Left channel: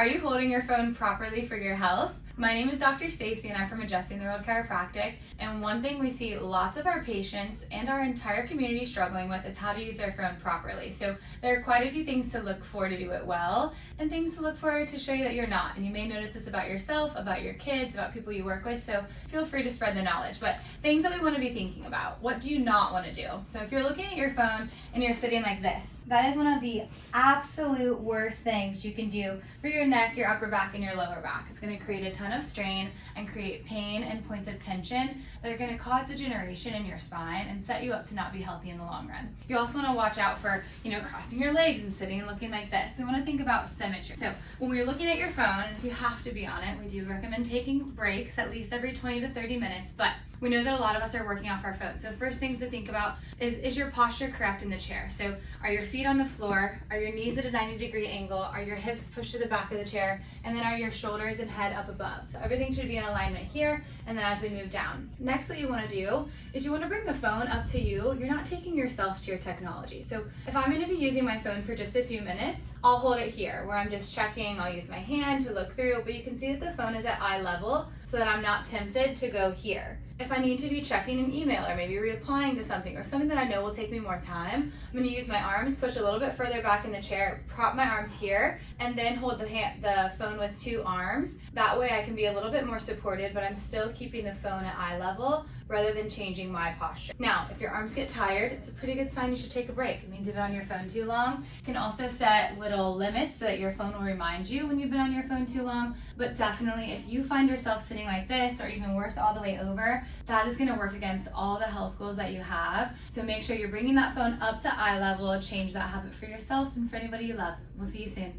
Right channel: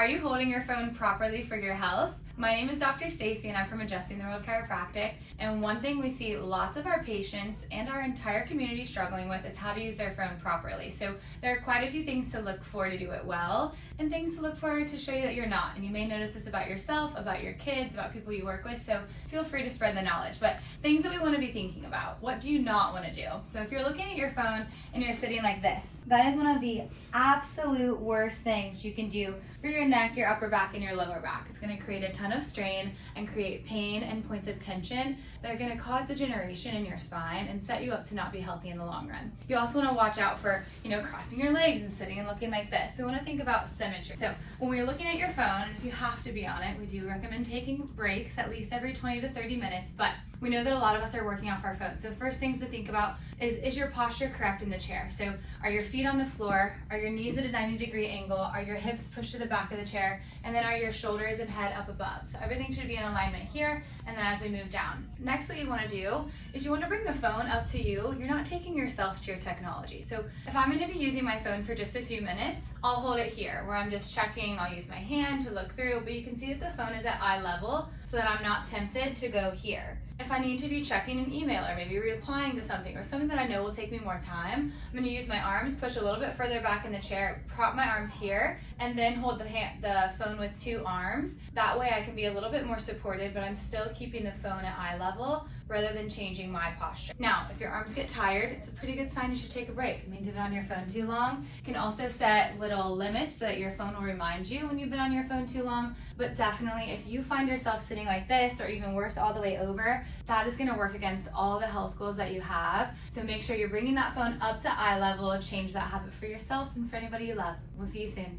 Are you holding your phone properly for your health? My name is Dr. Stacey and I'm from Adjusting the World Chiropractic, and one thing we see lots of our patients and our entire community struggling with is how to use their phone properly. So there are quite a few things to look for to do it well and things to look for to show you that you're not. And you may notice this about yourself, about your kids, about people you work with, so feel free to spread the knowledge. But things that we want to be thinking about. What do you not want to do? So if you're looking at your phone and you're sitting like this, that is one of the absolute worst things you can do for your neck, your upper back, and your lower back. It's going to create a ton of strain and create pain and points of tension that are going to cause degeneration in your spine and set you up to not be healthy in the long run. You also want to watch out for, crossing your legs and sitting and looking like this. So we want to think about symmetry. So when we're looking at your phone, if you have to be on it, we do recommend taking breaks at least every 20 to 30 minutes, but we know that a lot of us are working off our phones. So first things to think about is your posture correct in the chair? So are your feet on the floor? Are your knees at a 90-degree angle? Are your hips pushed to the back of the chair? And then are your shoulders and head up above? So everything should be in alignment here, and then as we move down. Next, what you want to do is you want to bring the phone up to you. You're not taking yourself to your technology. So if I'm going to be using my phone for just a few minutes, I'll hold it here where I'm just checking. I'll use my hand to look through, but you can see that the phone is at eye level so that I'm not tempted to go here. If I need to be checking an email or maybe replying to something or something that I know will take me more time, I'm going to use my arms, push a little bit further back in the chair, prop my arms here, and then hold the phone with two arms. That way I can be a little bit more supported, but I'm still keeping the phone at eye level rather than changing my posture. Now, if your arms get tired, it's a pretty good sign you should take a break. It means you've been on your phone too long. You can also set little limits so that your phone will remind you when you've been on your phone too long. But definitely, if you find yourself sitting like this, or even worse, all the way over, that is gonna work against all the health goals that you have. So make sure you're bringing that phone up to eye level, change that habit for yourself and for anybody you love. We'll see you soon.